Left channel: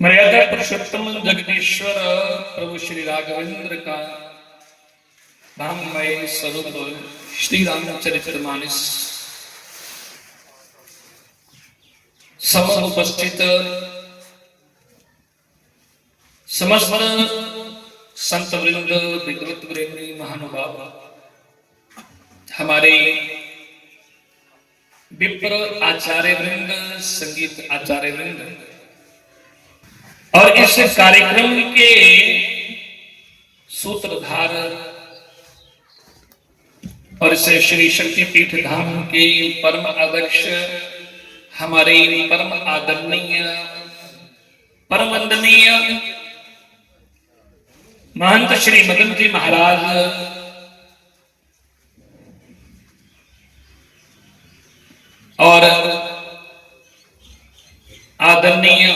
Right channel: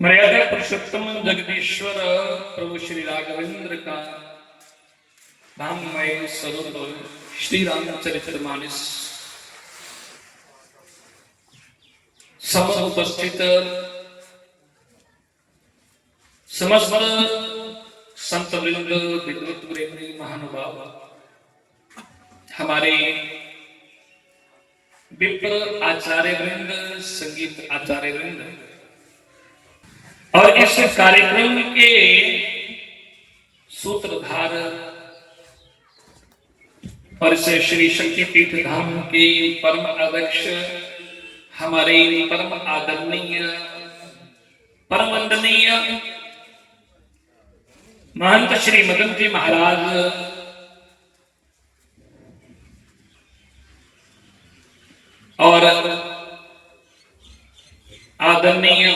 मर्यादा पुरुषोत्तम जगदीश्वर प्रभु श्री राघवेंद्र का नाममय स्वरूप श्री रामचरितमानस समस्त उपस्थित समस्त संत वृंद विद्वत प्रेमी महानुभाव, हमारे विप्र आचार्य वृंद, संगीत आचार्य वृंद और इस कार्यक्रम के सूत्रधार और इसे श्री शक्तिपीठ धाम के परम अध्यक्ष, हमारे परम आदरणीय परम वंदनीय महंत श्री मदन जी महाराज, और आदरणीय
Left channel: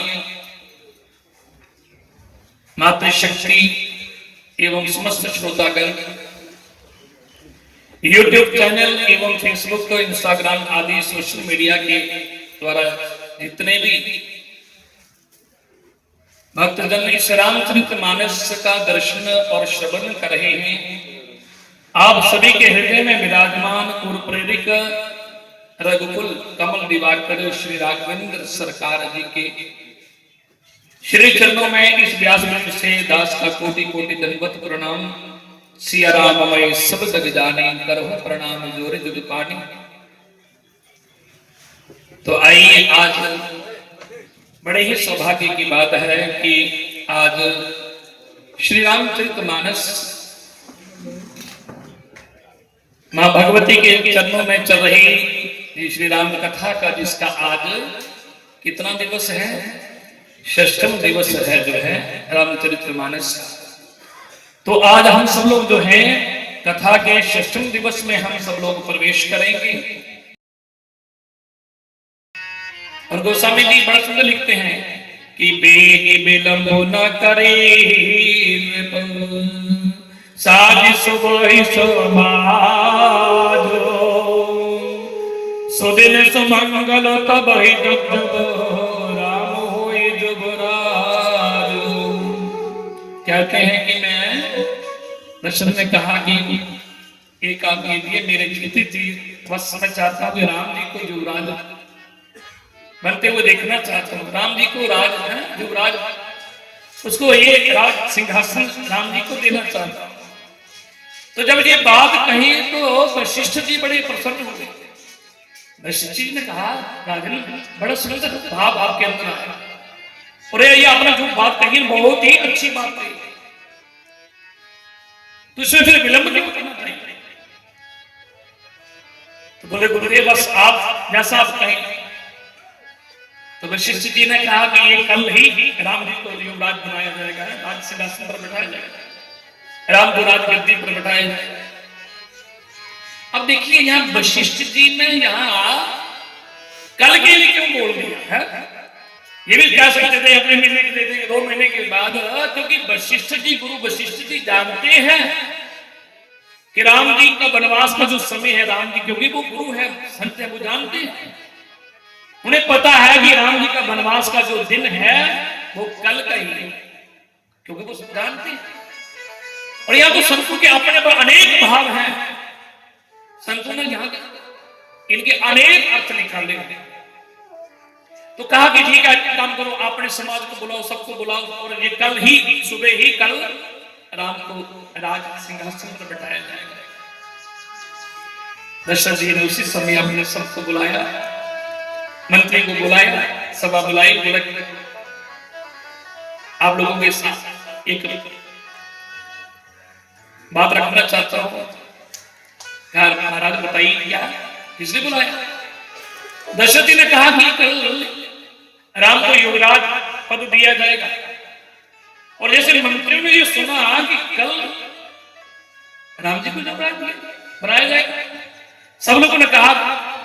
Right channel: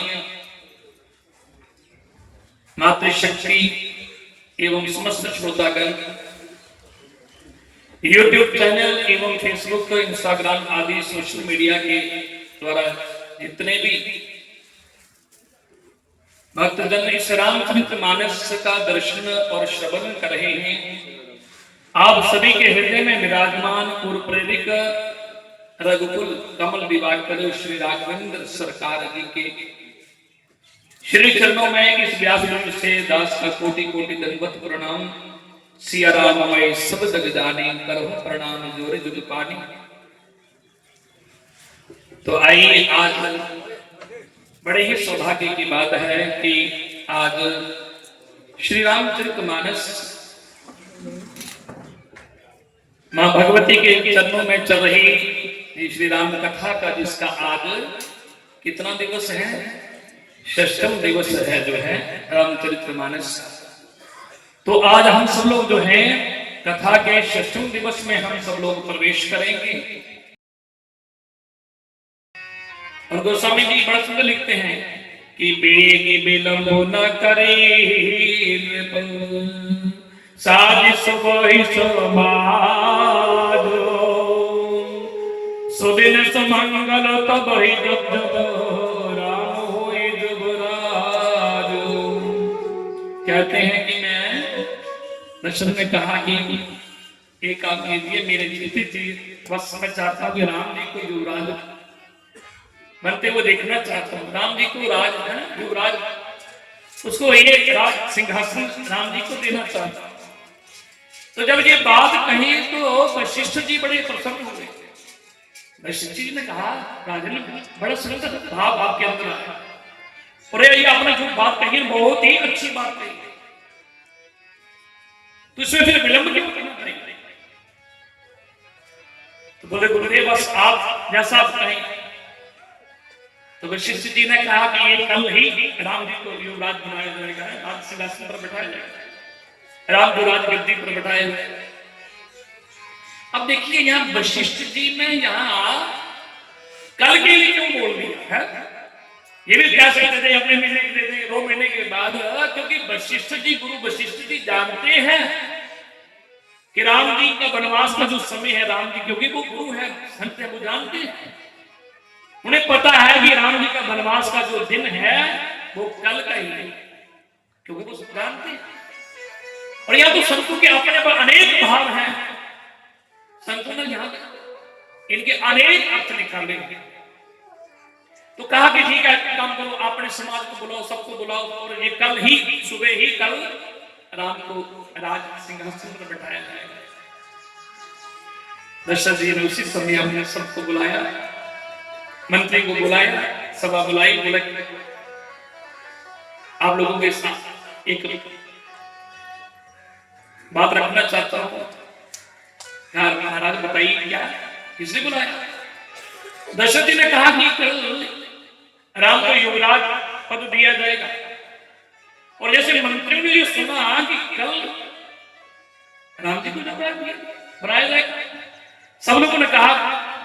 मातृशक्ति एवं समस्त श्रोतागण, यूट्यूब चैनल एवं फेसबुक, इंस्टाग्राम आदि सोशल मीडिया के द्वारा जितने भी भक्तजन इस रामचरितमानस का दर्शन और श्रवण कर रहे हैं, आप सभी के हृदय में विराजमान पूर्व प्रेरिक रघुकुल कमल दिवाकर श्री राघवेंद्र सरकार जी के श्री चरणों में इस व्यास से दास का कोटि कोटि दंडवत प्रणाम। सिया राममय सब जग जाने, करहु प्रणाम जोर जुग पानी। तो आइए, आज बड़े ही सौभाग्य की बात है कि आज श्री रामचरितमानस मां भगवती के चरणों में चल रही श्री राम कथा का, जिसका आज कितना दिवस है, षष्ठम दिवस है जो है रामचरितमानस। तो आज हम सब लोग जो है कथा के षष्ठम दिवस में हम सब लोग प्रवेश करेंगे। और गोस्वामी जी बड़ा सुंदर लिखते हैं कि बेग विलंब न करे साज सुबह समाज, सुदिन सुमंगल तब ही राम होई जुगराज। कहते हैं कि मैं दर्शन में कहा कि एक आप लीजिए, मेरे जीते जी बस मैं चाहता हूँ कि राम जी को युवराज बनते हुए देखना चाहता हूँ। राम जी को राज है ना, युवराज, उसको एक राज सिंहासन राम जी को देना चाहता हूँ। तो जब ये बात कही तो वशिष्ठ जी बड़े प्रसन्न हुए। वशिष्ठ जी ने कहा, राजन बड़ा सुंदर भाव आपके अंदर है, और ये आपने जो बात कही बहुत ही अच्छी बात कही, तो इसमें फिर विलंब क्यों करना चाहिए? तो बोले गुरुदेव बस आप जैसा आप कहें। तो वशिष्ठ जी ने कहा कि ये कल ही राम जी को युवराज बनाया जाएगा, राज सिंहासन पर बैठाया जाएगा, राम युवराज गद्दी पर बैठाया जाएगा। अब देखिए यहाँ वशिष्ठ जी ने यहाँ कल के लिए क्यों बोल दिया है? ये भी कह सकते थे अपने महीने के दे देंगे, 2 महीने के बाद, क्योंकि वशिष्ठ जी, गुरु वशिष्ठ जी जानते हैं कि राम जी का वनवास का जो समय है, राम जी क्योंकि वो गुरु है, संत है, वो जानते हैं, उन्हें पता है कि राम जी का वनवास का जो दिन है वो कल का ही है, क्योंकि वो जानते हैं। और यहाँ तो संतों के अपने पर अनेक भाव हैं, संतों ने यहाँ इनके अनेक अर्थ निकाले। तो कहा कि ठीक है, काम करो, अपने समाज को बुलाओ, सबको बुलाओ, और ये कल ही सुबह ही कल राम को राज सिंहासन पर बैठाया जाएगा। दशरथ जी ने उसी समय अपने सबको बुलाया, मंत्री को बुलाया, सभा बुलाई, बोला आप लोगों के साथ एक बात रखना चाहता हूं। यार महाराज बताइए क्या, किसने बुलाया? दशरथ जी ने कहा कि कल राम को युवराज पद दिया जाएगा। और जैसे मंत्री ने ये सुना कि कल राम जी को युवराज बनाया जाएगा, सब लोगों ने कहा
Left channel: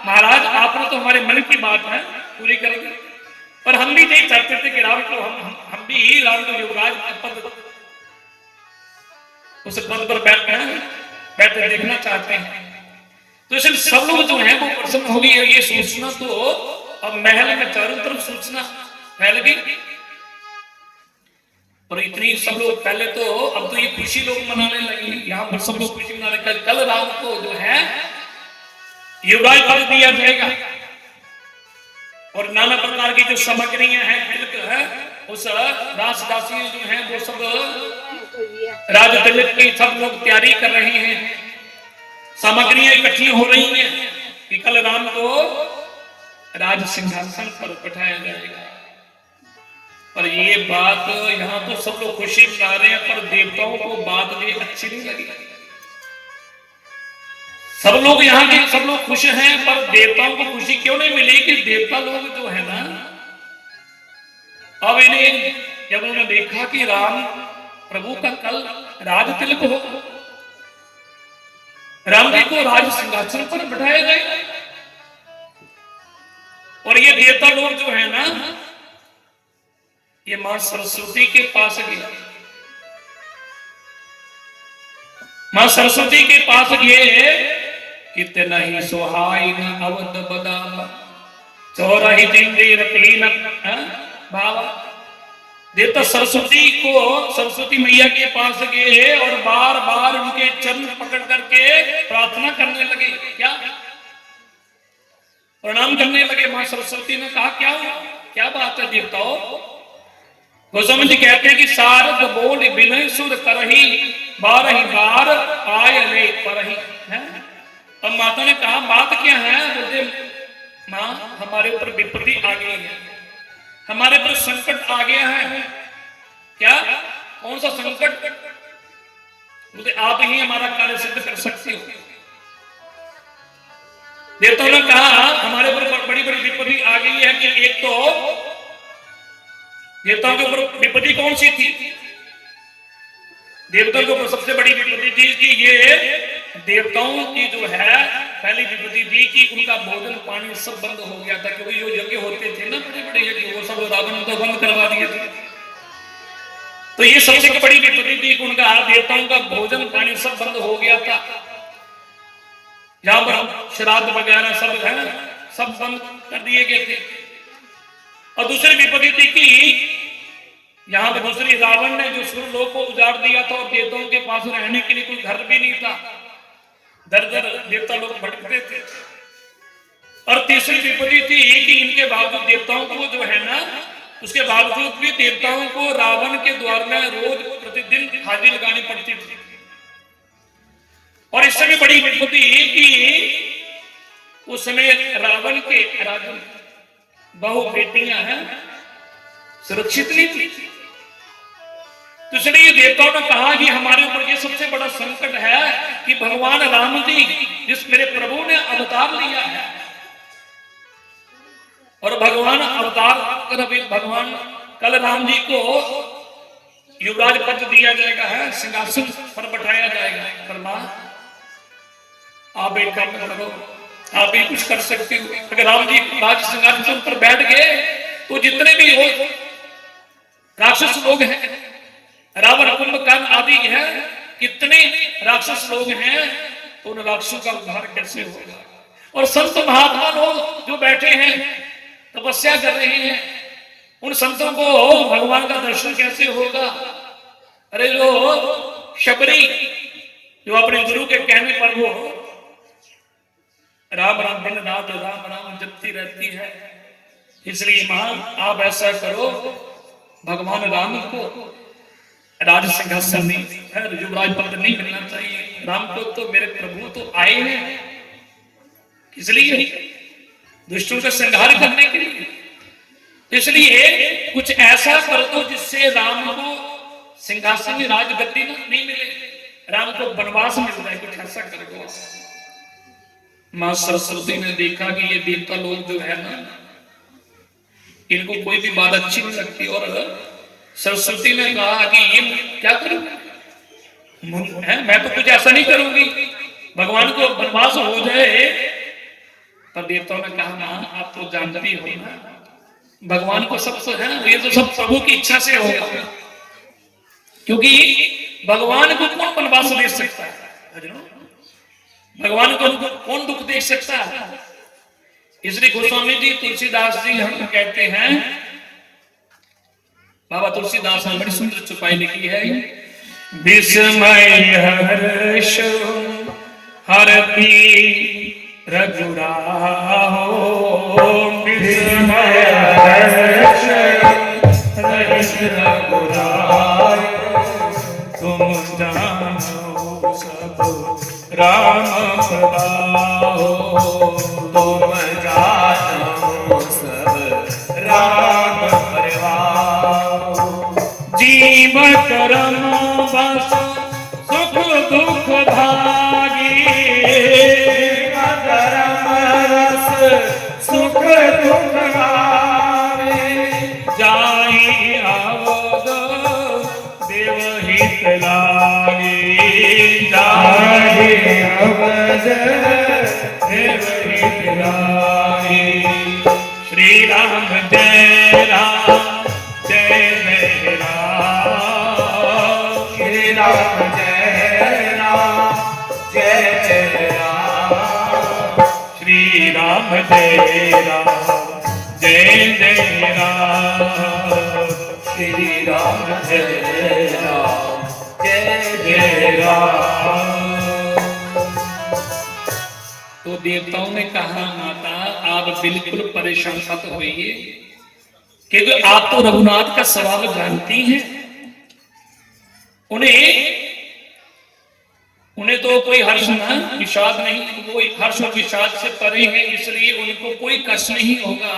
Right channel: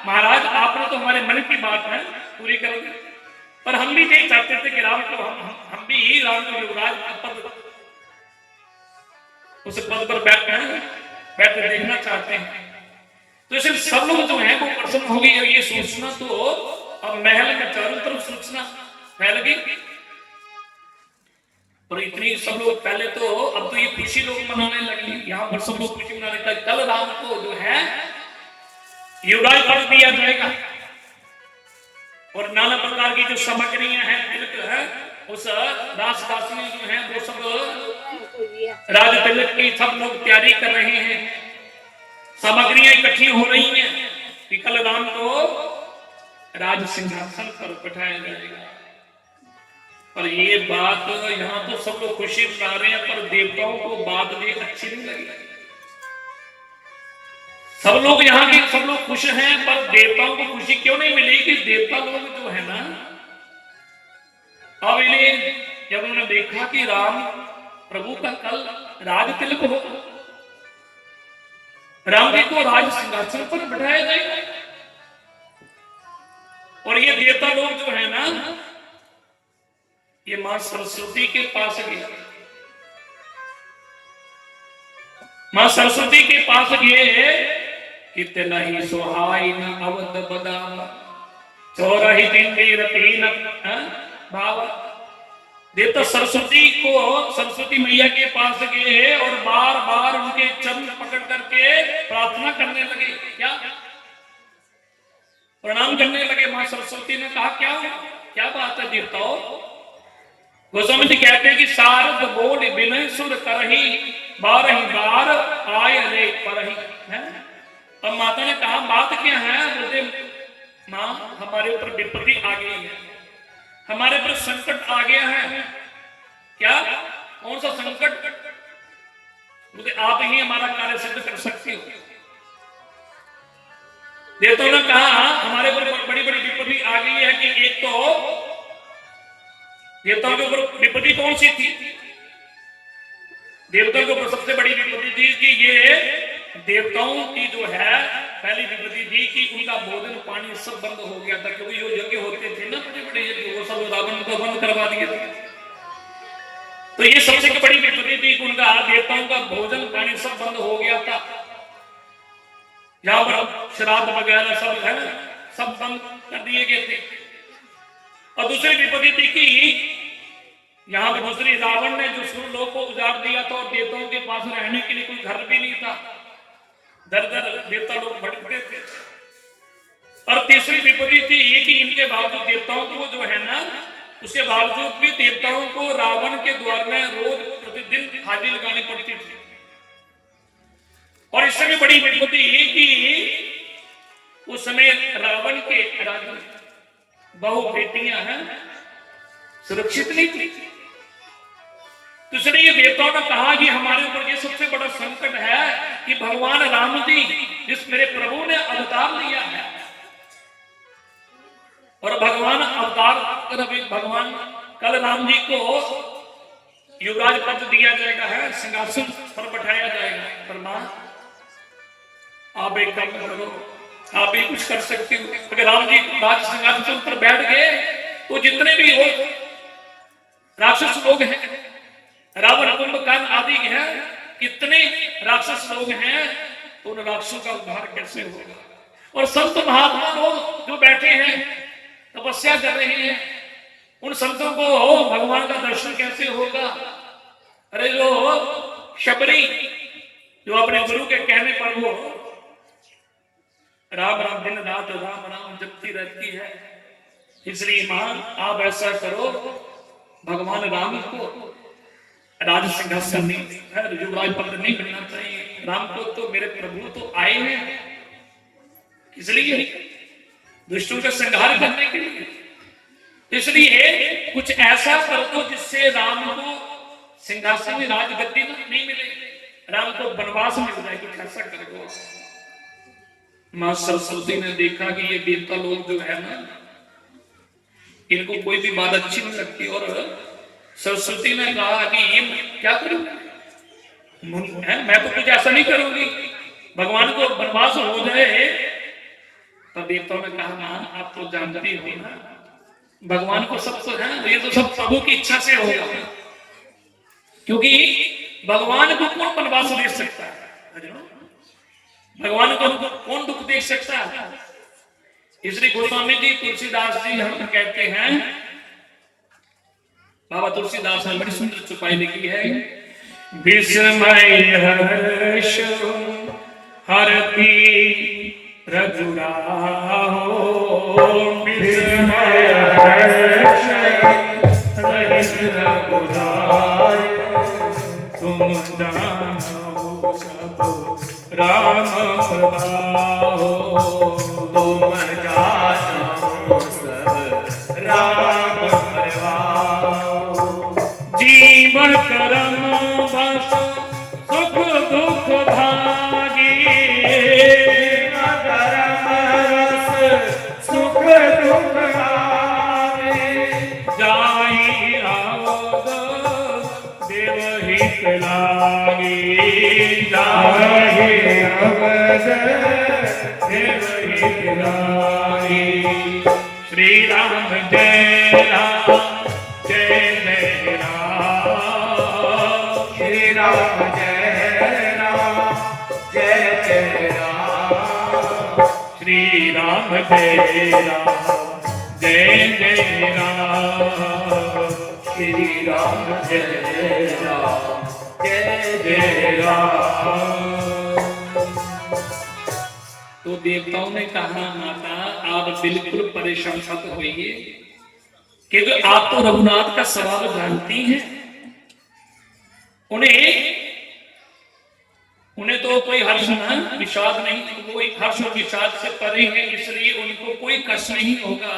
महाराज आपने तो हमारे मन की बात है पूरी कर दी, पर हम भी नहीं चाहते थे कि राम को हम भी ही राम को युवराज पद, उस पद पर बैठे देखना चाहते हैं। तो इसलिए सब लोग जो है वो प्रसन्न हो गई। ये सोचना तो अब महल में चारों तरफ सोचना फैल गई। और इतनी सब लोग पहले तो, अब तो ये खुशी लोग मनाने लगे, यहाँ पर सब लोग खुशी मना रहे। कल राम को जो है युवराज पद दिया जाएगा और नाना प्रकार की जो सामग्रियां हैं, तिलक है, उस दास-दासी जो है वो सब राज तिलक की सब लोग तैयारी कर रहे हैं। सामग्रियां इकट्ठी हो रही हैं कि कल राम को राज सिंहासन पर बैठाया जाएगा। और ये बात यहाँ तो सब लोग खुशी मना रहे हैं, पर देवताओं को बात ये अच्छी नहीं लगी। सब लोग यहाँ के सब लोग खुश हैं, पर देवताओं को खुशी क्यों नहीं मिली कि देवता लोग जो है ना, अब इन्हें जब उन्होंने देखा कि राम प्रभु का कल राज तिलक हो, राम जी को राज सिंहासन पर बैठाया जाए, और ये देवता लोग जो है ना, ये मां सरस्वती के पास गए। मां सरस्वती के पास गए, कितना ही सोहाई न अवध बदाम चौराही तीन भाव। देवता सरस्वती को, सरस्वती मैया के पास गए और बार बार उनके चरण पकड़ करके प्रार्थना करने लगे। क्या प्रणाम करने लगे। मां सरस्वती ने कहा क्या बात है देवताओं? गोस्वामी जी कहते हैं कि सारद बोल विनय सुर करही बारही बार आय रे करही। अब माता ने कहा बात क्या है? बोलते मां हमारे ऊपर विपत्ति आ गई है, हमारे ऊपर संकट आ गया है। क्या? कौन सा संकट? बोलते आप ही हमारा कार्य सिद्ध कर सकते हो। देवताओं ने कहा हमारे ऊपर बड़ी बड़ी विपत्ति आ गई है कि एक तो देवताओं के ऊपर विपत्ति कौन सी थी? देवताओं के ऊपर सबसे बड़ी विपत्ति थी कि ये देवताओं की जो है पहली विपत्ति थी कि उनका भोजन पानी सब बंद हो गया था, क्योंकि जो यज्ञ होते थे ना बड़े बड़े यज्ञ, वो सब रावण को बंद करवा दिए थे। तो ये सबसे बड़ी विपत्ति थी कि उनका देवताओं का भोजन पानी सब बंद हो गया था। जहां पर श्राद्ध वगैरह सब है सब बंद कर दिए गए थे। और दूसरी विपत्ति थी कि यहाँ पे दूसरी रावण ने जो सुरलोक को उजाड़ दिया था और देवताओं के पास रहने के लिए कोई घर भी नहीं था, दर दर देवता लोग भटकते थे। और तीसरी विपत्ति थी कि इनके बावजूद देवताओं को जो है ना, उसके बावजूद भी देवताओं को रावण के द्वार में रोज प्रतिदिन हाजिरी लगानी पड़ती थी। और इससे भी बड़ी विपत्ति कि उस समय रावण के राजा बहु बेटियां हैं सुरक्षित नहीं थी। तो इसलिए देवताओं ने कहा कि हमारे ऊपर ये सबसे बड़ा संकट है कि भगवान राम जी जिस मेरे प्रभु ने अवतार लिया है, और भगवान अवतार कर भगवान कल राम जी को युवराज पद दिया जाएगा है, सिंहासन पर बैठाया जाएगा। पर मां आप एक काम करो, आप भी कुछ कर सकते हो। अगर राम जी राज सिंहासन पर बैठ गए तो जितने भी हो राक्षस लोग हैं, रावण कुंभकर्ण आदि हैं, कितने राक्षस लोग हैं, तो उन राक्षसों का उद्धार कैसे होगा? और संत महात्मा लोग जो बैठे हैं तपस्या कर रहे हैं, उन संतों को भगवान का दर्शन कैसे होगा? अरे जो शबरी जो अपने गुरु के कहने पर वो राम राम दिन रात राम राम जपती रहती है। इसलिए मां आप ऐसा करो, भगवान राम को राज सिंहासन नहीं, युवराज पद नहीं मिलना चाहिए। राम को तो मेरे प्रभु तो आए हैं, इसलिए दुष्टों का संहार करने के लिए। इसलिए कुछ ऐसा कर दो जिससे राम को सिंहासन राजगद्दी नहीं मिले, राम को वनवास मिल जाए, कुछ ऐसा कर दो। मां सरस्वती ने देखा कि ये देवता लोग जो है ना, इनको कोई भी बात अच्छी नहीं लगती, और सरस्वती ने कहा कि ये क्या करूं, मैं तो कुछ ऐसा नहीं करूंगी, भगवान को वनवास हो जाए। तब देवताओं ने कहा मां आप तो जानती हो ना, भगवान को सब है ये तो सब प्रभु की इच्छा से होगा, क्योंकि भगवान को कौन वनवास दे सकता है, भगवान को कौन दुख देख सकता है। इसलिए गोस्वामी जी तुलसीदास जी हम कहते हैं बाबा तुलसीदास ने बड़ी सुंदर चौपाई लिखी है। विस्मय हर्ष हरती रघुराहो, विस्मय हर्ष रघुराहो, तुम जानो सब राम पाओ, तुम जानो सब राम पाओ। जीव करम बस सुख दुख भागी, करम रस सुख दुख भागी, जाई आवद देवहित लागी, जाई आवद देवहित लागी। श्री राम जय राम जय जय राम, श्री राम जय राम जय जय राम, श्री राम जय राम जय जय राम, श्री राम जय राम जय जय राम। तो देवताओं ने कहा माता आप बिल्कुल परेशान मत होइए, क्योंकि आप तो रघुनाथ का स्वभाव जानती हैं। उन्हें तो कोई हर्ष विषाद नहीं, वो हर्ष और विषाद से परे है, इसलिए उनको कोई कष्ट नहीं होगा।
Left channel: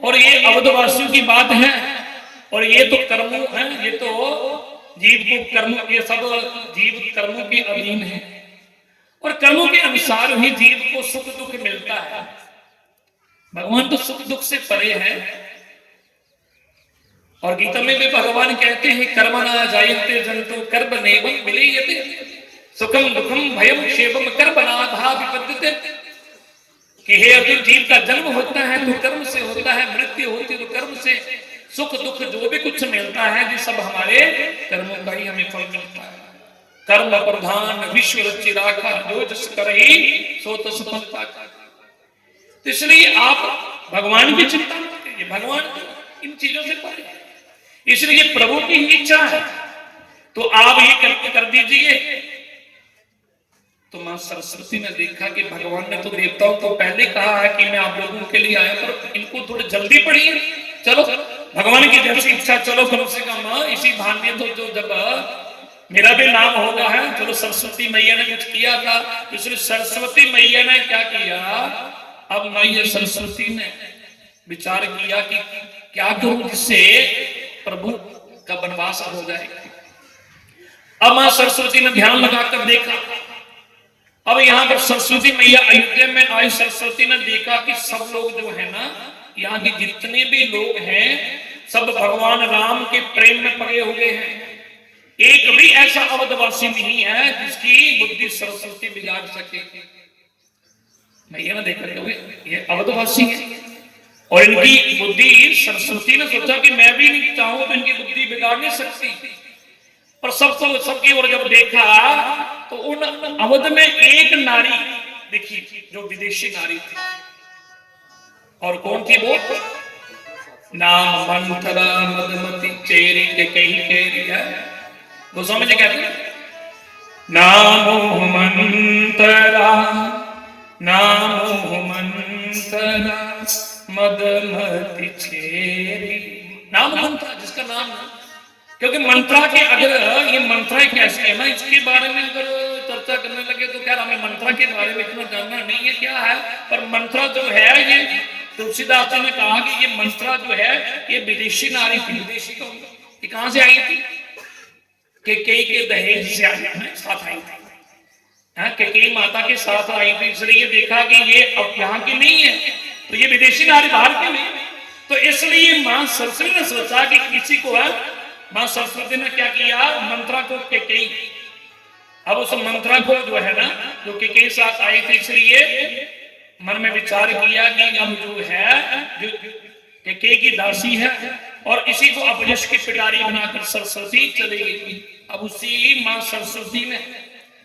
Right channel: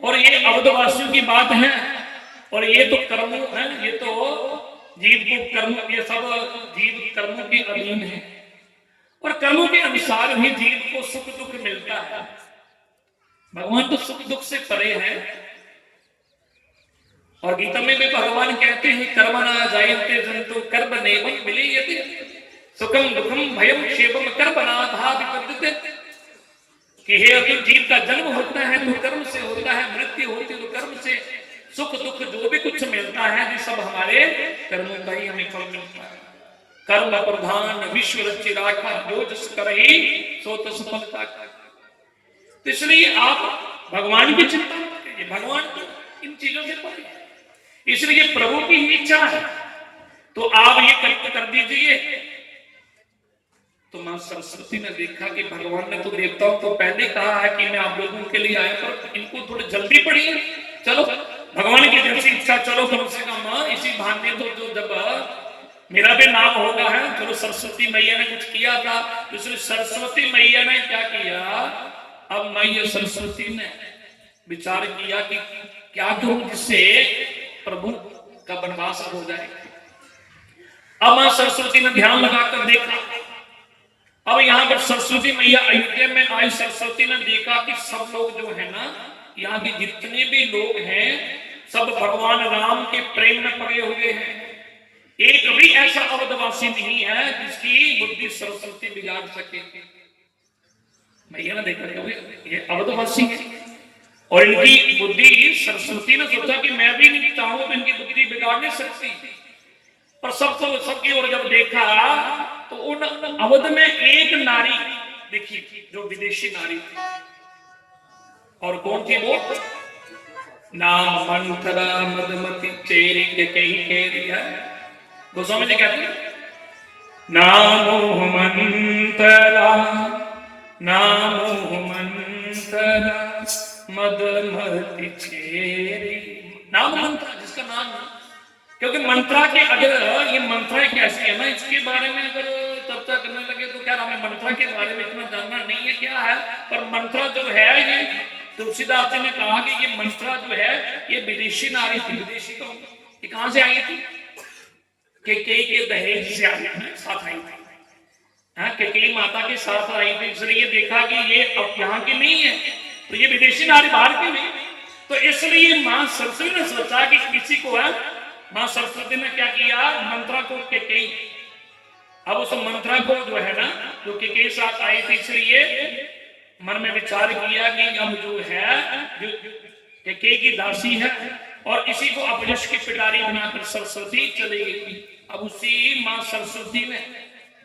और ये अवधवासियों की बात है, और ये तो कर्मों है, ये तो जीव को कर्म, ये सब जीव कर्मों के अधीन है, और कर्मों के अनुसार ही जीव को सुख दुख मिलता है। भगवान तो सुख दुख से परे है। और गीता में भी भगवान कहते हैं कर्मणा जायते जंतु कर्म नैवं विलीयते, सुखम दुखम भयम क्षेमम कर्मणाधा विपद्यते। कि हे अर्जुन, जीव का जन्म होता है तो कर्म से होता है, मृत्यु होती तो कर्म से, सुख दुख जो भी कुछ मिलता है ये सब हमारे कर्मों का ही हमें फल मिलता है। कर्म प्रधान विश्व रचि राखा, जो जस करहि सो तस फल पाखा। तो इसलिए आप भगवान की चिंता मत करिए, भगवान तो इन चीजों से परे है, इसलिए प्रभु की ही इच्छा है तो आप ये कर दीजिए। तो मां सरस्वती ने देखा कि भगवान ने तो देवताओं को पहले कहा है कि मैं आप लोगों के लिए आया, पर इनको थोड़ी जल्दी पड़ी है, चलो भगवान की जैसी इच्छा, चलो कम से कम इसी भाग्य तो जो जब मेरा भी नाम होगा है। चलो सरस्वती मैया ने कुछ किया था, इसलिए सरस्वती मैया ने क्या किया, अब मैया सरस्वती ने विचार किया कि क्या करूं जिससे प्रभु का वनवास हो जाए। अब मां सरस्वती ने ध्यान लगाकर देखा, अब यहाँ पर सरस्वती मैया अयोध्या में आई। सरस्वती ने देखा कि सब लोग जो है ना, यहाँ के जितने भी लोग हैं सब भगवान राम के प्रेम में पड़े हुए हैं, एक भी ऐसा अवधवासी नहीं है जिसकी बुद्धि सरस्वती बिगाड़ सके। मैया ने देखा ये अवधवासी है और इनकी बुद्धि, सरस्वती ने सोचा कि मैं भी नहीं चाहूं तो इनकी बुद्धि बिगाड़ नहीं सकती, पर सबकी ओर जब देखा तो उन अवध में एक नारी दिखी जो विदेशी नारी थी। और कौन थी वो? नाम मंत्रा मदमती चेरी के कही केरिया। वो समझ क्या थी? नामो मंत्रा मदमती चेरी। नाम मंत्रा, जिसका नाम है, क्योंकि मंत्रा के अगर ये मंत्रा कैसे है ना, इसके बारे में अगर चर्चा करने लगे तो क्या हमें मंत्रा के बारे में इतना जानना नहीं है क्या है। पर मंत्रा जो है, ये तुलसीदास जी ने कहा कि ये मंत्रा जो है ये विदेशी नारी थी। विदेशी को ये कहां से आई थी? के दहेज से साथ आई थी, के माता के साथ आई थी, इसलिए देखा कि ये अब यहाँ की नहीं है, तो ये विदेशी नारी बाहर की नहीं। तो इसलिए मां सरस्वती ने सोचा कि किसी को है, मां सरस्वती ने क्या किया, मंत्रा को केकई, अब उस मंत्रा को जो है ना, जो केकई साथ आई थी, इसलिए मन में विचार किया कि अब जो है जो केकई की दासी है और इसी को अपयश की पिटारी बनाकर सरस्वती चली गई। अब उसी मां सरस्वती ने,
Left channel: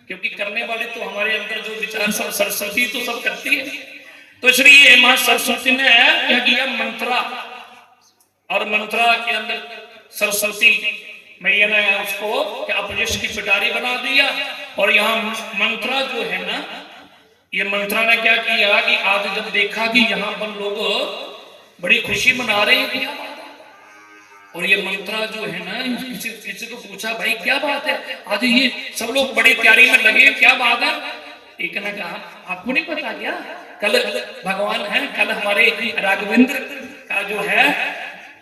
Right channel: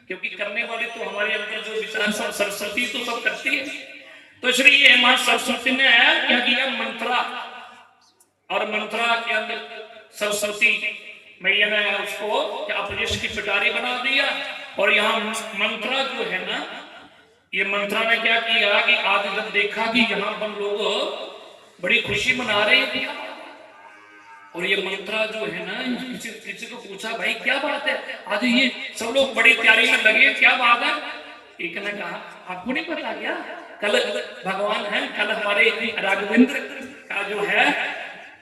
क्योंकि करने वाले तो हमारे अंदर जो विचार सरस्वती तो सब करती है, तो इसलिए मां सरस्वती ने क्या किया, मंत्रा और मंत्रा के अंदर सरस्वती मैया ने उसको क्या अपरिश की पिटारी बना दिया। और यहाँ मंत्रा जो है ना, ये मंत्रा ने क्या किया कि आज जब देखा कि यहाँ पर लोग बड़ी खुशी मना रहे हैं, और ये मंत्रा जो है ना, किसी को पूछा भाई क्या बात है, आज ये सब लोग बड़ी तैयारी में लगे, क्या बात है। एक ने कहा आपको नहीं पता क्या, कल भगवान है, कल हमारे राघवेंद्र का जो है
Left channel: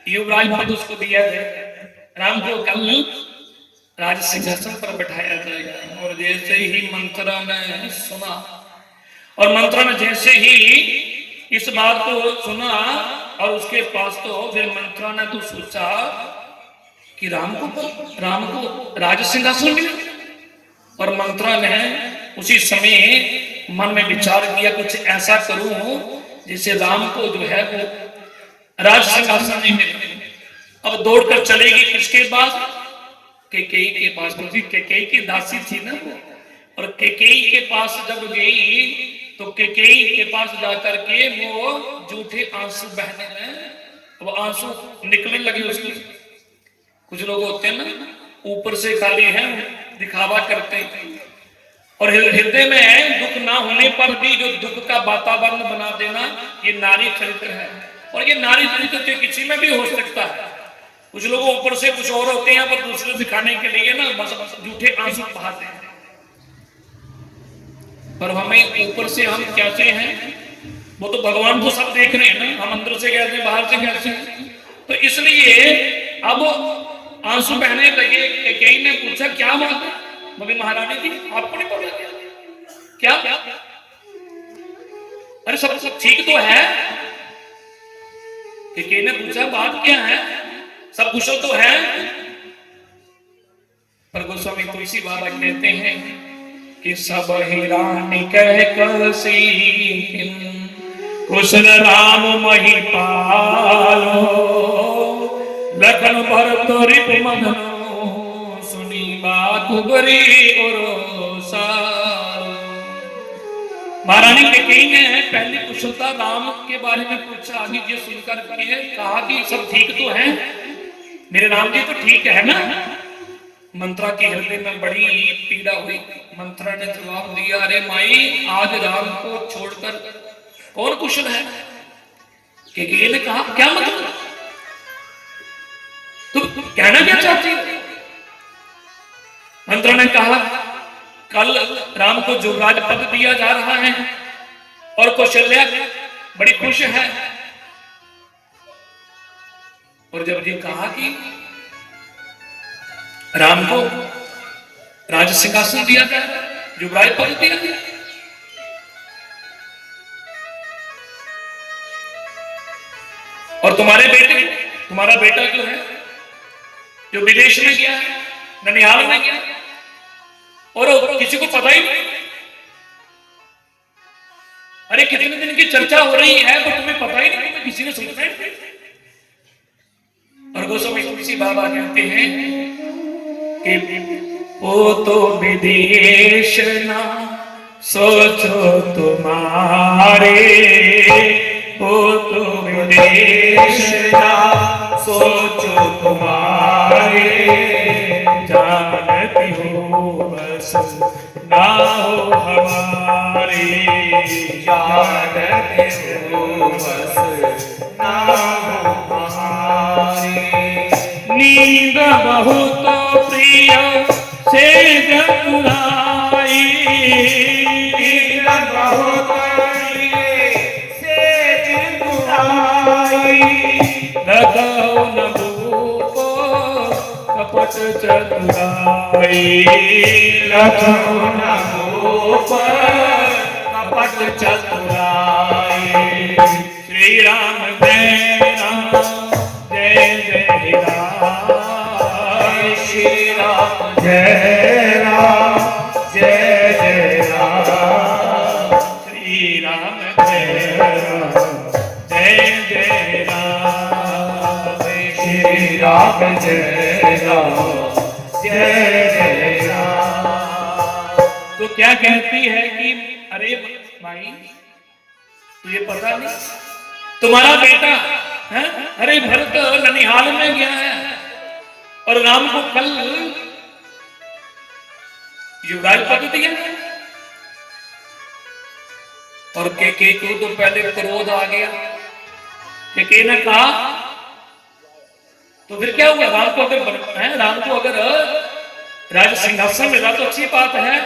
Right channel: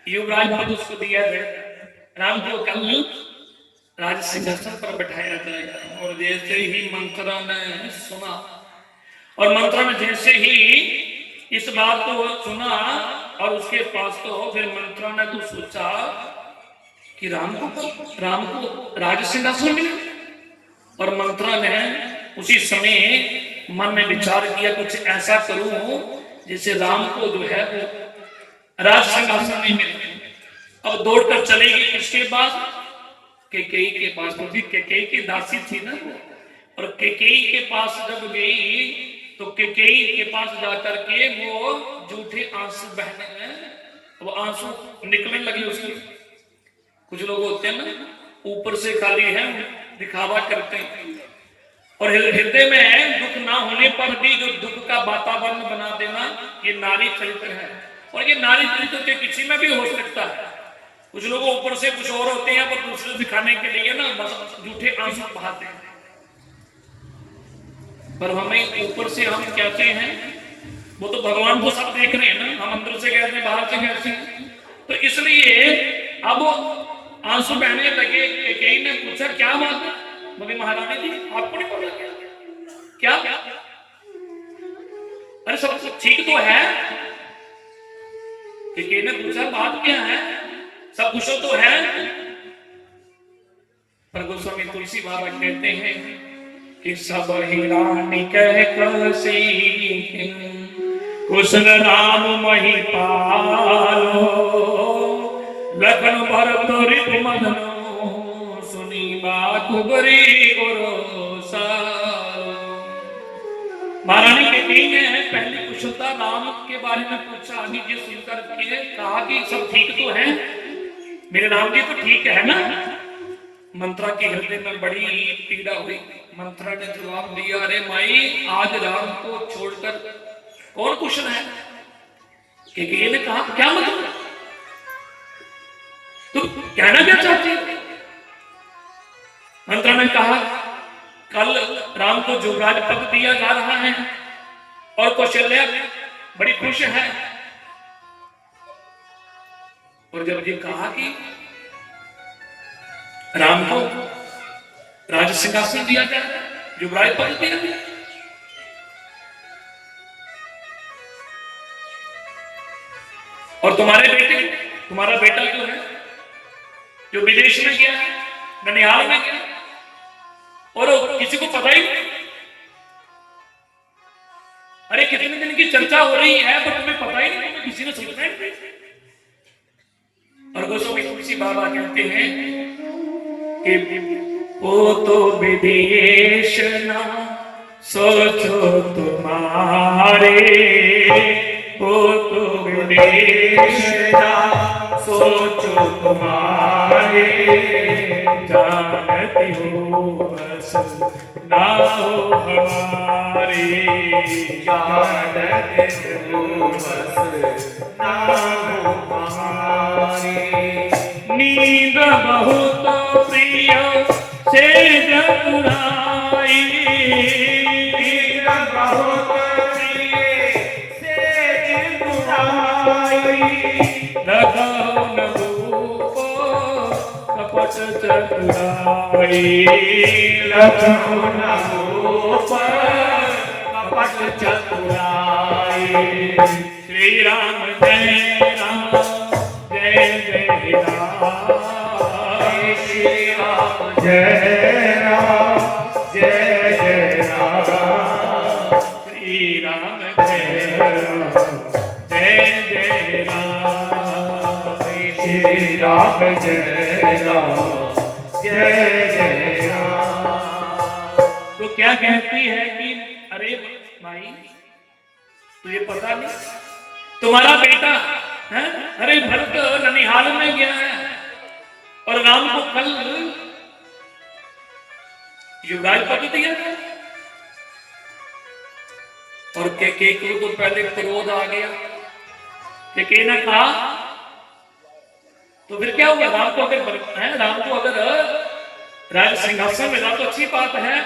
युवराज पद उसको दिया जाए, राम को कल राज सिंहासन पर बैठाया जाएगा। और जैसे ही मंत्रा ने सुना, और मंत्रा ने जैसे ही इस बात को सुना, और उसके पास तो फिर मंत्रा ने तो सोचा कि राम को राज सिंहासन मिला। और मंत्रा ने उसी समय मन में विचार किया कुछ ऐसा करूं जिससे राम को जो है वो राज सिंहासन नहीं मिले। अब दौड़कर चलेगी किसके पास, कैकेयी के पास, क्योंकि कैकेयी की दासी थी ना वो। और कैकेयी के पास जब गई तो कैकेयी के पास जाकर के वो झूठे आंसू बहने लगे, वो आंसू निकलने लगे उसके। कुछ लोग होते हैं ना ऊपर से खाली है दिखावा करते हैं, और हृदय में दुख ना होने पर भी जो दुख का वातावरण बना देना, ये नारी चरित्र है। और ये नारी चरित्र तो किसी में भी हो सकता है। कुछ लोग ऊपर से कुछ और होते हैं पर दूसरे दिखाने के लिए ना बस झूठे आंसू बहाते हैं। पर हमें ऊपर से हम कैसे हैं, वो तो भगवान को सब देख रहे हैं ना, हम अंदर से कैसे बाहर से कैसे हैं। तो इसलिए अब आंसू बहने लगे। कैकेयी ने पूछा क्या बात है, बोले महारानी जी आपको नहीं पता क्या, अरे सब ठीक तो है। कैकेयी ने पूछा बात क्या है, सब कुशल तो है। पर गोस्वामी तुलसी बाबा कहते हैं कि सब ही रानी कह कसी कुशल राम महिपालो, लखन भरत रिप मदनो सुनी बात बरी महारानी कैकेयी ने पहली कुशलता राम के बारे में पूछा, आगे ये सुनकर के कहा कि सब ठीक तो है, मेरे राम जी तो ठीक है ना। मंत्रा के हृदय में बड़ी पीड़ा हुई। मंत्रा ने जवाब दिया, अरे माई आज राम को छोड़कर कौन कुशल है। कैकेयी ने कहा क्या मतलब, तुम कहना क्या चाहती हो। मंत्रा ने कहा कल राम को युवराज पद दिया जा रहा है और कौशल्या बड़ी खुश है। और जब ये कहा कि राम को राज सिंहासन दिया गया, युवराज पद दिया गया, और तुम्हारा बेटा जो है जो विदेश में गया है, ननिहाल में गया, और किसी को पता ही नहीं। अरे कितने दिन की चर्चा हो रही है पर तुम्हें पता ही नहीं, किसी ने सोचा ही नहीं। और गोस्वामी तुलसी बाबा कहते हैं कि वो तो विदेश ना सोचो तुम्हारे, वो तो विदेश ना सोचो तुम्हारे, जानती हो बस ना हो हमारे, जानती हो बस ना हो हमारे। नींद बहुत प्रिय से जगुराई, नींद बहुत प्रिय से जगुराई, रखो न भूपो कपट चतुराई, रखो न भूपो कपट चतुराई। श्री राम जय राम जय जय राम, श्री राम जय राम जय जय राम, श्री राम जय राम जय जय राम, श्री राम जय राम जय जय राम। तो क्या कहती है कि अरे भाई तुझे पता नहीं, तुम्हारा बेटा है? अरे भरत ननिहाल में गया है और राम को कल युवराज पद दिया है। और के को तो पहले क्रोध आ गया। के ने कहा तो फिर क्या हुआ, राम को अगर राम को अगर राज सिंहासन मिला तो अच्छी बात है,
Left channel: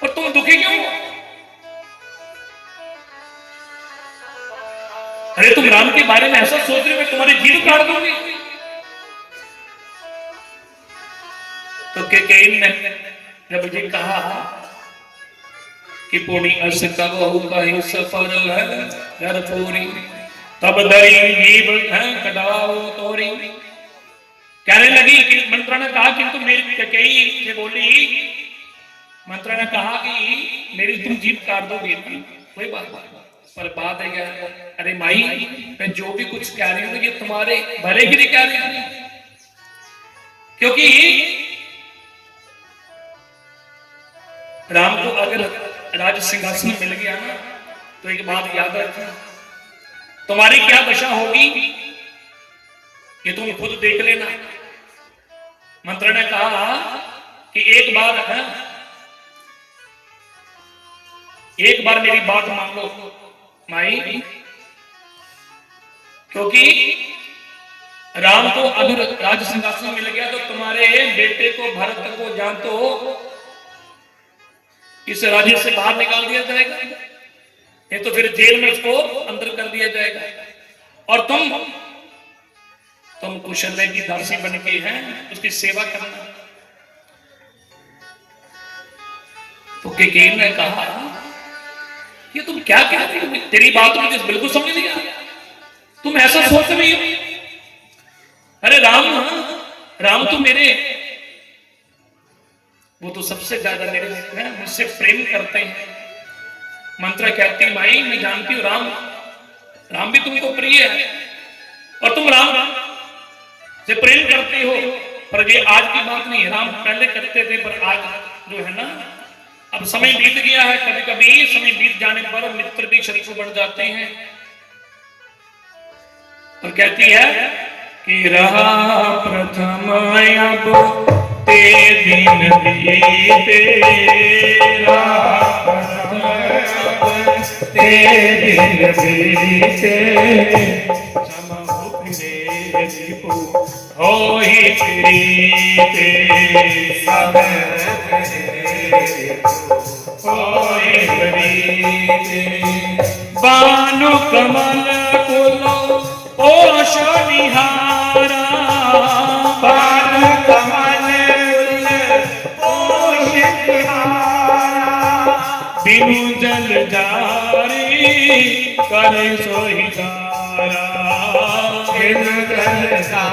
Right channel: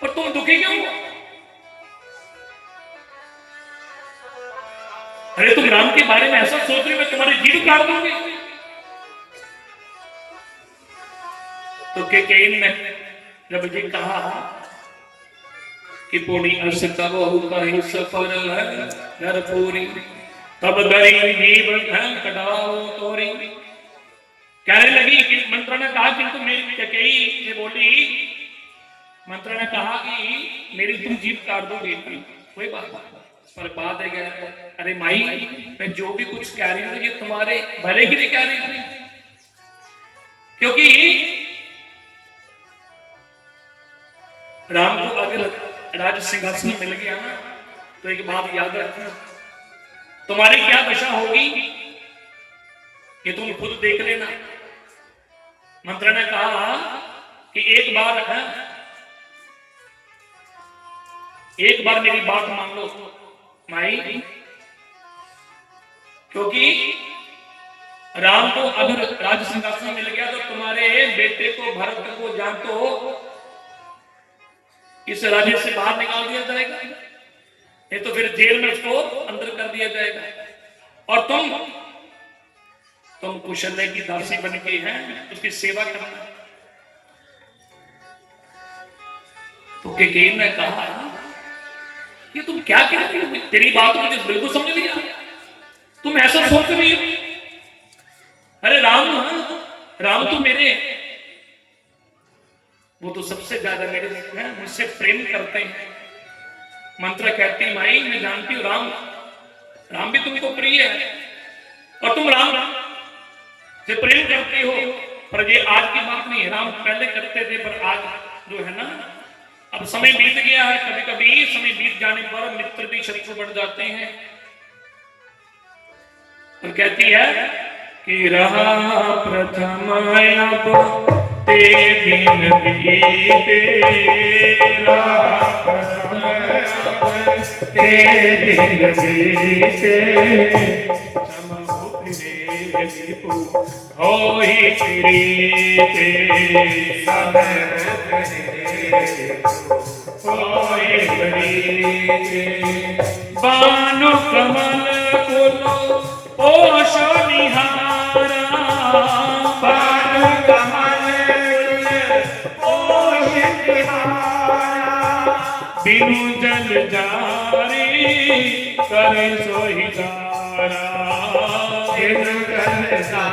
पर तुम दुखी क्यों हो? अरे तुम राम के बारे में ऐसा सोच रहे हो, तुम्हारी जीव काट दूंगी। तो केकैन ने जब ये कहा कि पूरी अस कबहु कहि सफल है नरपुरी, तब दरी जीव है कटाओ तोरी। कहने लगी कि मंत्रा ने कहा किंतु मेरी कैकेयी से बोली, मंत्रा ने कहा कि मेरी तुम जीव काट दोगे, कोई बात नहीं, पर बात है क्या, अरे माई मैं जो भी कुछ कह रही हूँ ये तुम्हारे भले के लिए कह रही हूँ, क्योंकि राम को अगर राज सिंहासन मिल गया ना तो एक बात याद रखना, तुम्हारी क्या दशा होगी ये तुम खुद देख लेना। मंत्र ने कहा कि एक बार मेरी बात मान लो माई, क्योंकि राम को अगर राज सिंहासन मिल गया तो तुम्हारे बेटे को भरत को जान तो इस राज्य से बाहर निकाल दिया जाएगा, नहीं तो फिर जेल में इसको अंदर कर दिया जाएगा। और तुम कुशल की दासी बन के हैं उसकी सेवा करना। तो केकैन ने कहा कि तुम क्या कह रही हो, तेरी बात मुझे बिल्कुल समझ नहीं आ रही, तुम ऐसा सोच रही हो। अरे राम तो मेरे, वो तो सबसे ज्यादा मेरे मुझसे प्रेम करते हैं। मंत्रा कहती माई मैं जानती हूँ राम भी तुमको प्रिय है और तुम राम से प्रेम करते हो, पर ये आज की बात नहीं, राम पहले करते थे, पर आज जो है ना अब समय बीत गया है। कभी कभी समय बीत जाने पर मित्र भी शत्रु बन जाते हैं। तो कहती है कि रहा प्रथम अब ते दिन बीते, ते दिन बीते, होई प्रीते, होई प्रीते, बानु कमल कुलो पोषो निहारा, बानु कमल पोषित निहारा, बिनु जल जारी करे सोई तारा, बिनु जल जारी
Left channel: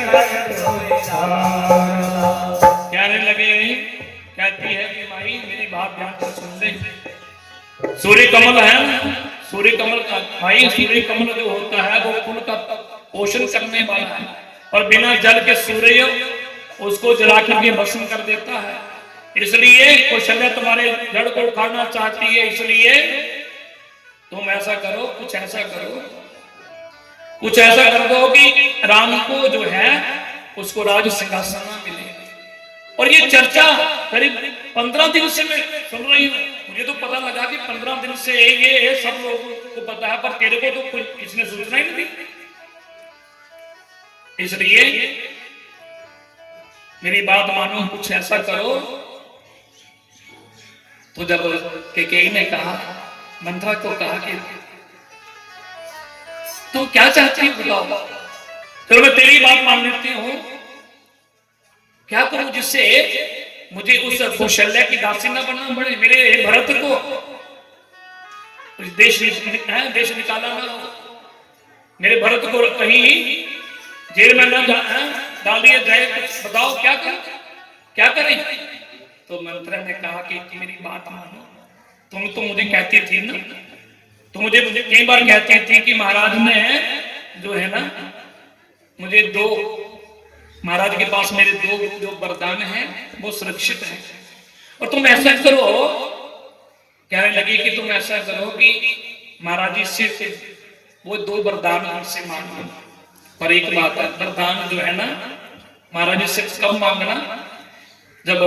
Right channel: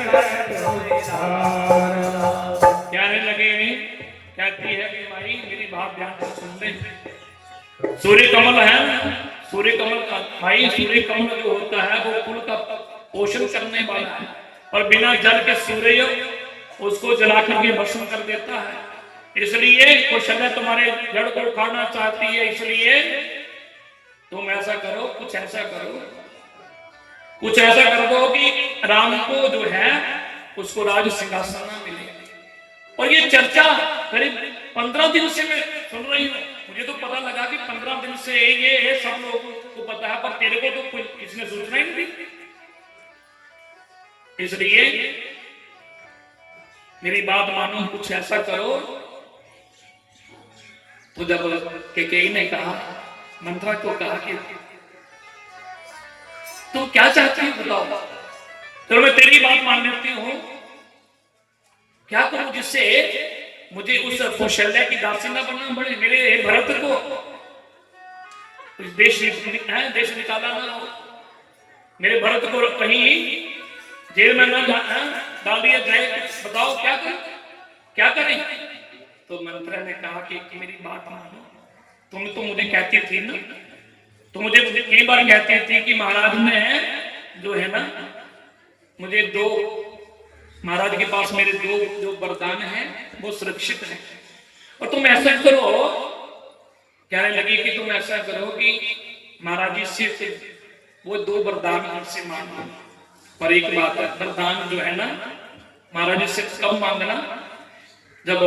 करे सोई तारा। कहने लगे, कहती है कि भाई मेरी बात ध्यान से सुन ले। सूर्य कमल है, सूर्य कमल का भाई, सूर्य कमल जो होता है वो फूल का पोषण करने वाला है, और बिना जल के सूर्य उसको जलाकर के भस्म कर देता है। इसलिए कौशल्या तुम्हारे जड़ को उखाड़ना चाहती है, इसलिए तुम ऐसा करो, कुछ ऐसा कर दो कि राम को जो है उसको राज सिंहासन मिले। और ये चर्चा करीब 15 दिन से मैं सुन रही हूँ, मुझे तो पता लगा कि 15 दिन से ये सब लोगों को पता है, पर तेरे को तो किसने सूचना ही नहीं दी। इसलिए मेरी बात मानो, कुछ ऐसा करो। तो जब केकैन ने कहा, मंत्रा को कहा कि तो क्या चाहती है बताओ, तो मैं तेरी बात मान लेती हूँ, क्या करूं जिससे मुझे उस कौशल्या की दासी न बनना पड़े, मेरे भरत को देश निकाला न हो, मेरे भरत को कहीं जेल में न डाल दिया जाए, कुछ बताओ क्या करें। तो मंत्रा ने कहा कि मेरी बात मानो, तुम तो मुझे कहती थी ना, तो मुझे कई बार कहती थी कि महाराज ने जो है ना मुझे महाराज के पास मेरे दो वरदान हैं वो सुरक्षित हैं, और तुम ऐसा करो, कहने लगी कि तुम ऐसा करो कि महाराज जी से वो 2 वरदान हमसे मांगना। पर एक बात है, वरदान जो है ना महाराज जी से कब मांगना, जब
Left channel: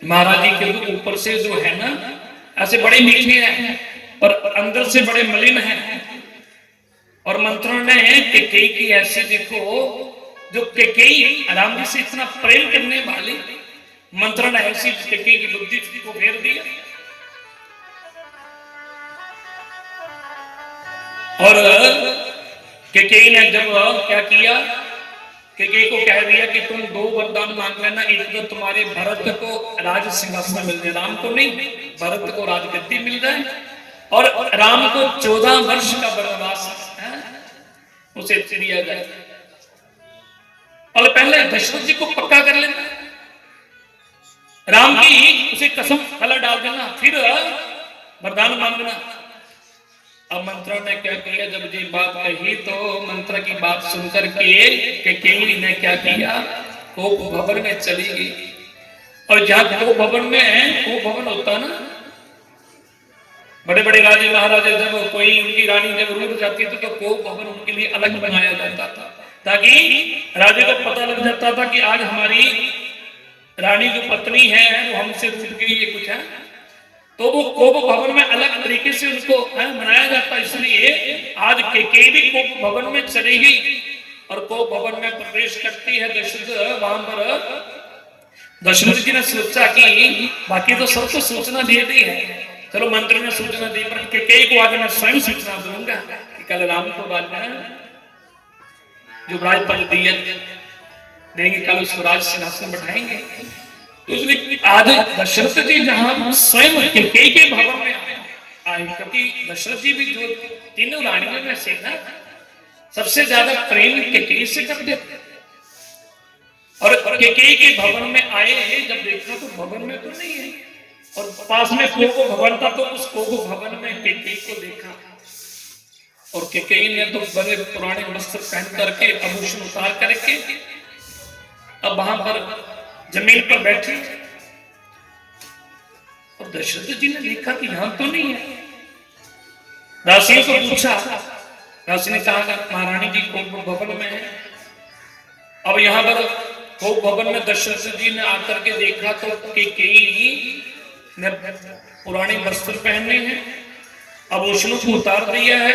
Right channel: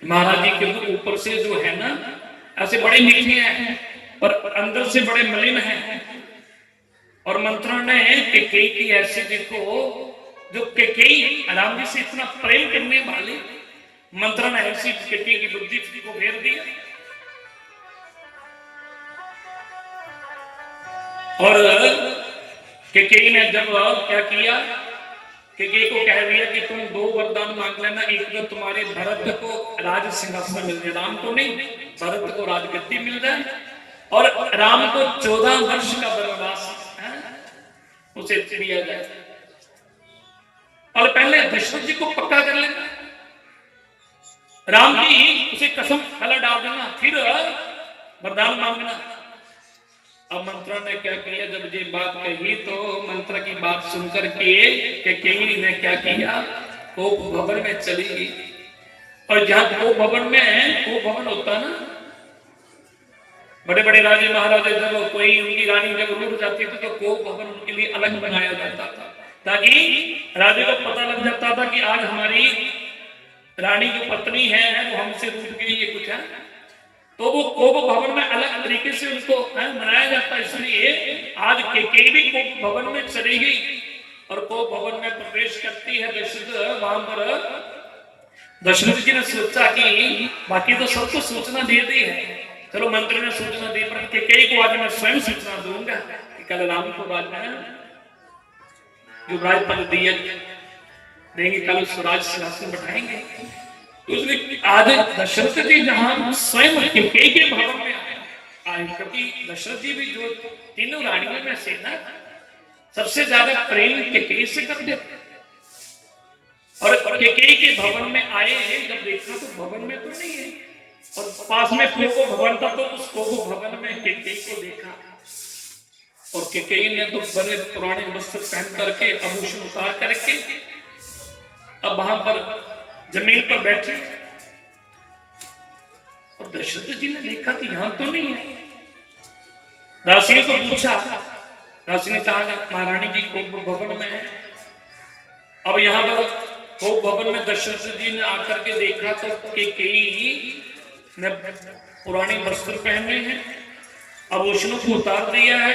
महाराज जी के ऊपर से जो है ना ऐसे बड़े मीठे हैं पर अंदर से बड़े मलिन हैं। और मंत्रण ने कैकेयी की ऐसी देखो, जो कैकेयी राम जी से इतना प्रेम करने वाली, मंत्रण ने ऐसी कैकेयी की बुद्धि को फेर दिया। और कैकेयी ने जब क्या किया, कैकेयी को कह दिया कि तुम 2 वरदान मांग लेना, एक तो तुम्हारे भरत को राज सिंहासन मिल जाए, राम को नहीं भरत को राजगद्दी मिल जाए, और राम को 14 वर्ष का वनवास उसे दिया जाए। और पहले दशरथ जी को पक्का कर लेना, राम की उसे कसम पहले डाल देना, फिर वरदान मांगना। अब मंत्रा ने क्या किया, जब ये बात कही तो मंत्रा की बात सुनकर के कैकेयी ने क्या किया, कोप भवन में चली गई। और जहां कोप भवन में, कोप भवन होता ना, बड़े बड़े राजे महाराजे जब कोई उनकी रानी जब रूठ जाती थी तो कोप भवन उनके लिए अलग बनाया जाता था, ताकि राजे को पता लग जाता था कि आज हमारी रानी जो पत्नी है वो हमसे रूठ गई है कुछ है, तो वो कोप भवन में अलग तरीके से उसको मनाया जाता है। इसलिए आज कैकेयी भी कोप भवन में चली गई और कोप भवन में प्रवेश करती है दशरथ। वहां पर दशरथ जी ने सोचा कि बाकी तो सबको सूचना दे दी है, चलो मंत्री ने सूचना दी, पर कैकेयी को आज मैं स्वयं सूचना दूंगा कि कल राम को बाद में जो राजपद दिए देंगे, कल उसको राज सिंहासन बैठाएंगे। तो उसने आज दशरथ जी जहां स्वयं कैकेयी के भवन में आए, क्योंकि दशरथ जी भी जो तीनों रानियों में से ना सबसे ज्यादा प्रेम कैकेयी से करते थे। और कैकेयी के भवन में आए, जब देखा तो भवन में तो नहीं है, और पास में कोप भवन था, तो उस कोप भवन में कैकेयी को देखा। और कैकेयी ने तो बड़े पुराने वस्त्र पहन करके, आभूषण उतार करके अब वहां पर जमीन पर बैठी। और दशरथ जी ने देखा कि यहां तो नहीं है, दासी को पूछा, दासी ने कहा महारानी जी कोप भवन में है। अब यहाँ पर कोप भवन में दशरथ जी ने आकर के देखा तो कैकेयी ने पुराने वस्त्र पहने हैं, आभूषणों को उतार दिया है।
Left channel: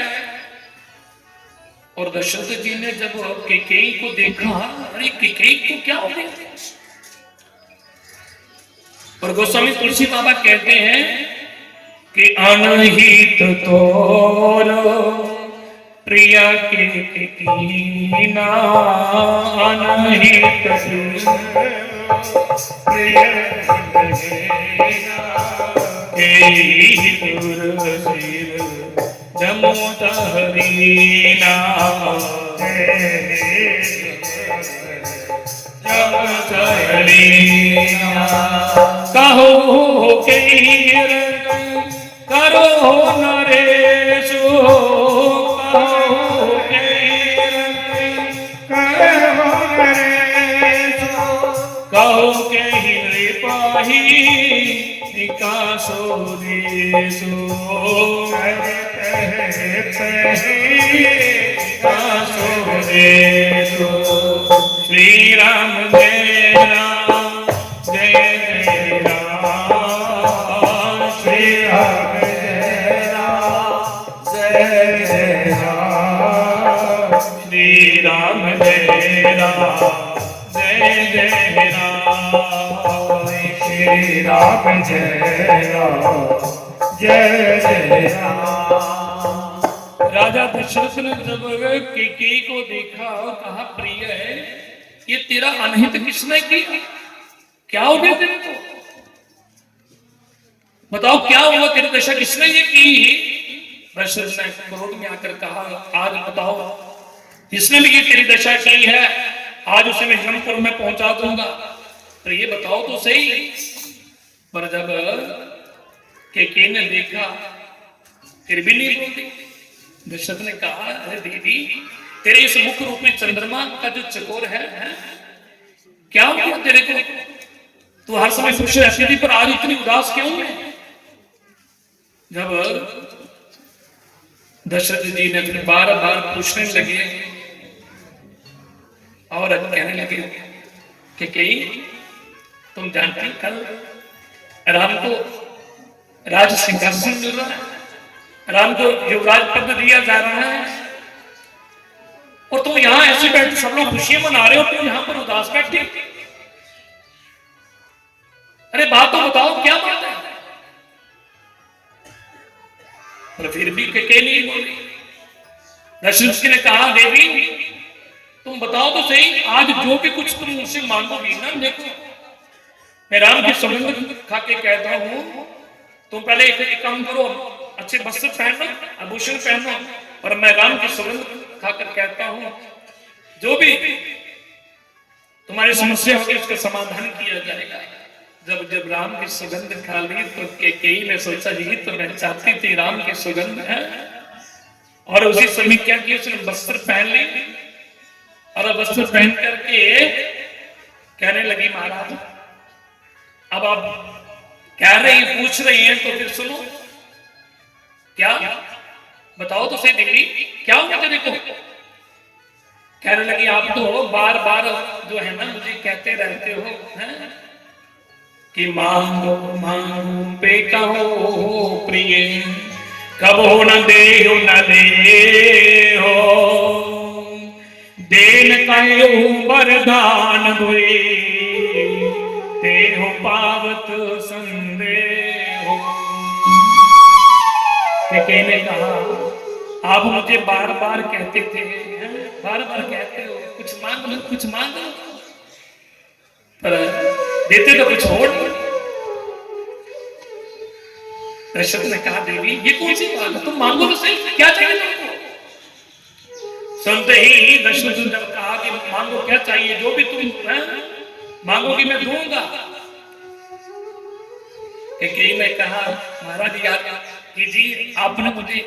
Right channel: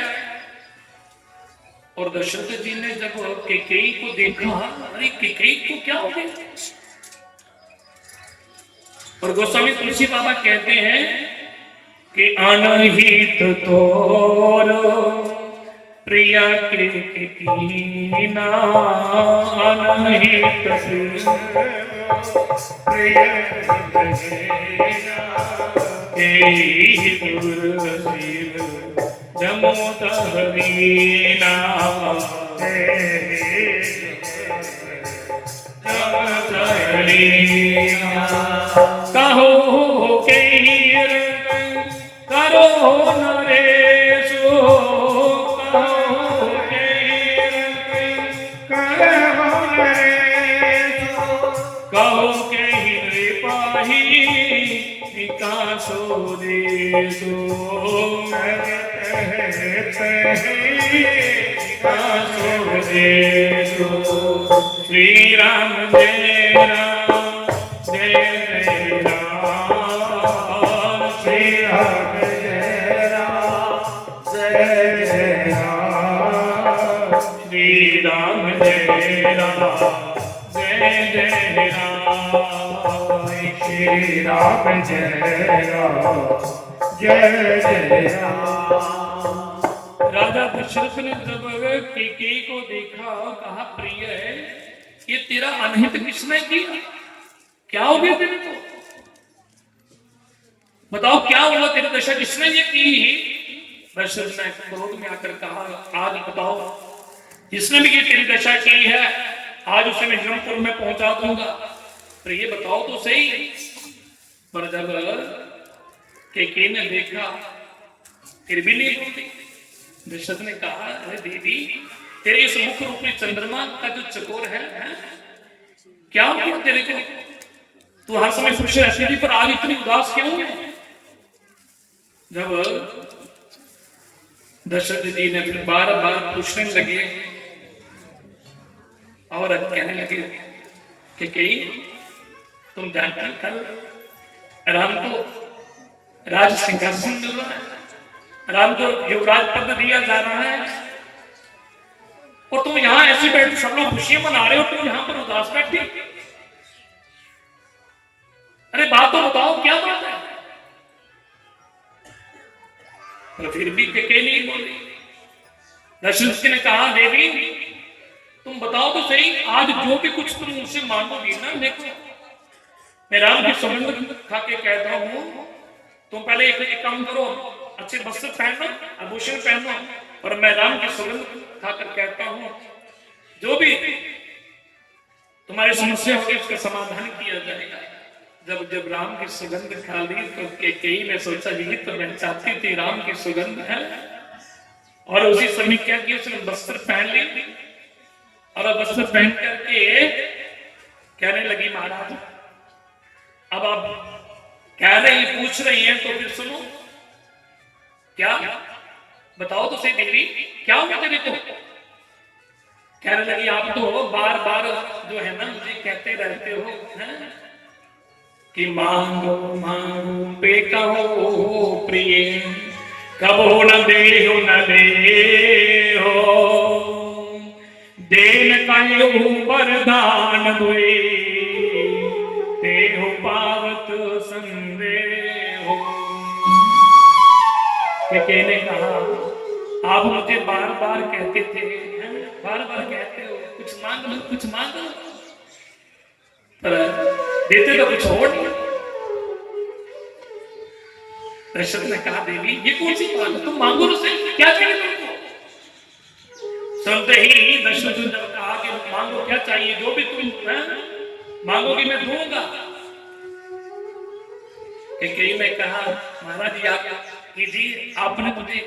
और दशरथ जी ने जब कैकेयी को देखा, अरे कैकेयी को क्या हो गया। और गोस्वामी तुलसी बाबा कहते हैं कि अनहित तोर प्रिया के कीना, अनहित जमोदरीना कहो के करो नरेशो, कहो के करो नरेशो, कहो के पाही विकासो देशो, विकासो देशो। श्री राम जय राम जय जय राम, श्री राम जय राम जय जय राम, श्री राम जय राम जय जय राम, श्री राम जय राम जय जय राम। राजा दशरथ ने जब कैकेयी को देखा, कहा प्रिय है, ये तेरा अनहित किसने किया, क्या हो गया तेरे को, बताओ क्या हुआ, तेरी दशा किसने ये की। दशरथ ने क्रोध में आकर कहा, आज बताओ जिसने भी ये तेरी दशा की है, आज उसे मैं हिरणपुर में पहुंचा दूंगा, तो ये बताओ तो सही। पर जब कैकेयी ने देखा फिर भी नहीं बोलती। दशरथ ने कहा, अरे दीदी तेरे इस मुख रूपी चंद्रमा का जो चकोर है क्या हुआ तेरे को, तू हर समय खुश रहती थी पर आज इतनी उदास क्यों है। जब दशरथ जी ने फिर बार बार पूछने लगे और कहने लगे कि कई तुम जानती कल राम को राज सिंहासन मिल रहा है, राम को युवराज पद दिया जा रहा है और तुम यहां ऐसे बैठ सब लोग खुशियां मना रहे हो, तुम यहां पर उदास बैठे। अरे बात तो बताओ क्या बात है। पर फिर भी कई नहीं बोली। दशरथ ने कहा देवी तुम बताओ तो सही, आज जो भी कुछ तुम मुझसे मांगोगी ना, देखो मैं राम के सुगंध खा के कहता हूं, तुम पहले एक काम करो, अच्छे वस्त्र पहनो, आभूषण पहनो, और मैं राम की सुगंध खाकर कहता हूं जो भी तुम्हारी समस्या होगी उसका समाधान किया जाएगा। जब जब राम की सुगंध खा ली तो कई ने सोचा यही तो मैं चाहती थी, राम की सुगंध है। और उसी समय क्या किया, उसने वस्त्र पहन ली और वस्त्र पहन करके कहने लगी महाराज अब आप कह रही पूछ रही हैं तो फिर सुनो, क्या बताओ तो सही देवी क्या हुआ तेरे को। कहने लगी आप तो बार बार जो है ना मुझे कहते रहते हो है? कि मांगो मांगो पे कहो प्रिय, कबो न दे हो देन कहो वरदान दुए ते हो पावत संदेह। कहने कहा आप मुझे बार बार कहते थे, बार बार कहते हो कुछ मांग लो कुछ मांग लो, पर देते तो कुछ और नहीं। दशरथ ने कहा देवी ये कौन सी बात है, तुम मांगो तो सही क्या चाहिए तुमको। सुनते ही दशरथ ने कहा कि मांगो क्या चाहिए, जो भी तुम मांगोगी मैं दूंगा। कई ने कहा महाराज जी आप कीजिए, आपने मुझे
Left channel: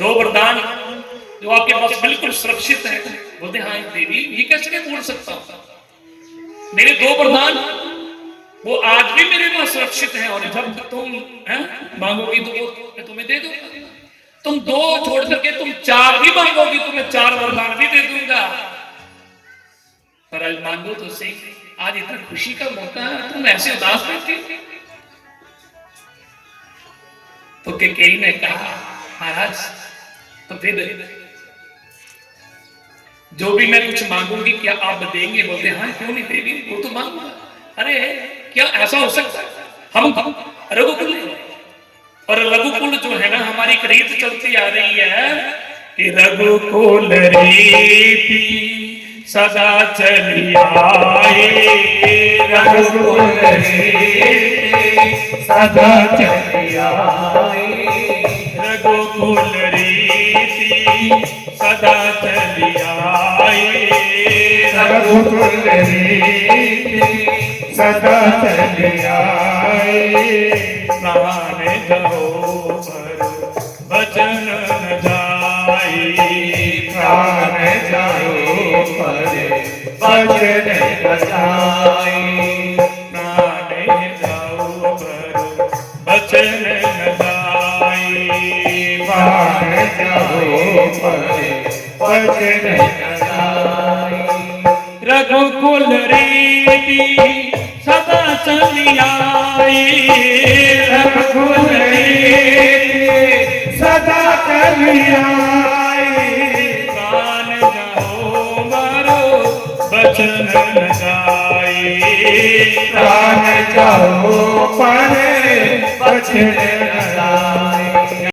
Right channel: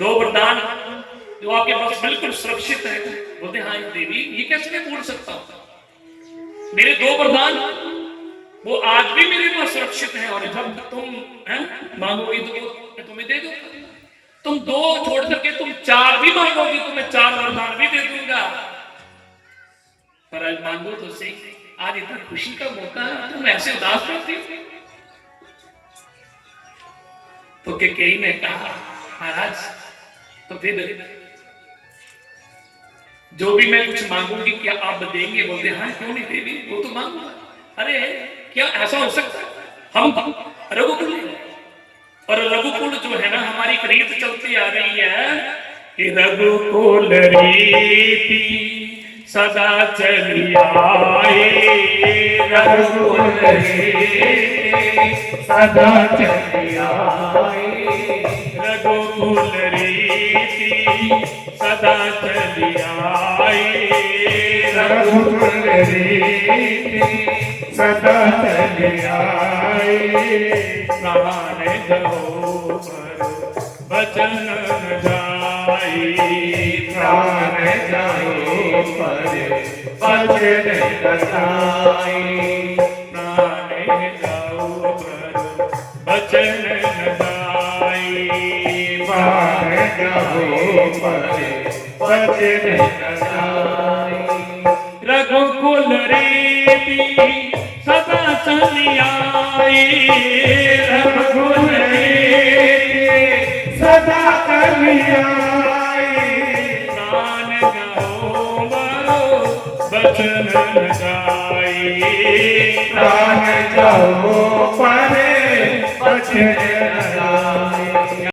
दो वरदान जो आपके पास बिल्कुल सुरक्षित है। बोलते हाँ देवी ये कैसे मैं बोल सकता हूं, मेरे दो वरदान वो आज भी मेरे पास सुरक्षित है और जब तुम मांगोगी तो वो मैं तुम्हें दे दूंगा। तुम दो छोड़ करके तुम चार भी मांगोगी तो मैं चार वरदान भी दे दूंगा। पर आज मांगो तो सही, आज इतना खुशी का मौका है तुम ऐसे उदास बैठे। तो कई ने कहा महाराज तो फिर जो भी मैं कुछ मांगूंगी क्या आप देंगे। बोलते हाँ क्यों नहीं देंगे, वो तो मांगूंगा। अरे क्या ऐसा हो सकता है, हम रघुकुल और रघुकुल जो है ना हमारी एक रीत चलती आ रही है कि रघुकुल रीति सदा चली आए, रघुकुल रीति सदा चली आए, रघुकुल रीति सदा चली आए, रघुकुल रीति सदा चली आए। प्राण जहो बचन न जाए, प्राण जहो बचन न जाए, प्राण जहो बचन न जाए, प्राण जहो बचन न जाए। रघुकुल रीति सदा चली आए, रघुकुल रीति सदा चली आए, प्राण जाओ मारो बचन न जाए, प्राण जाओ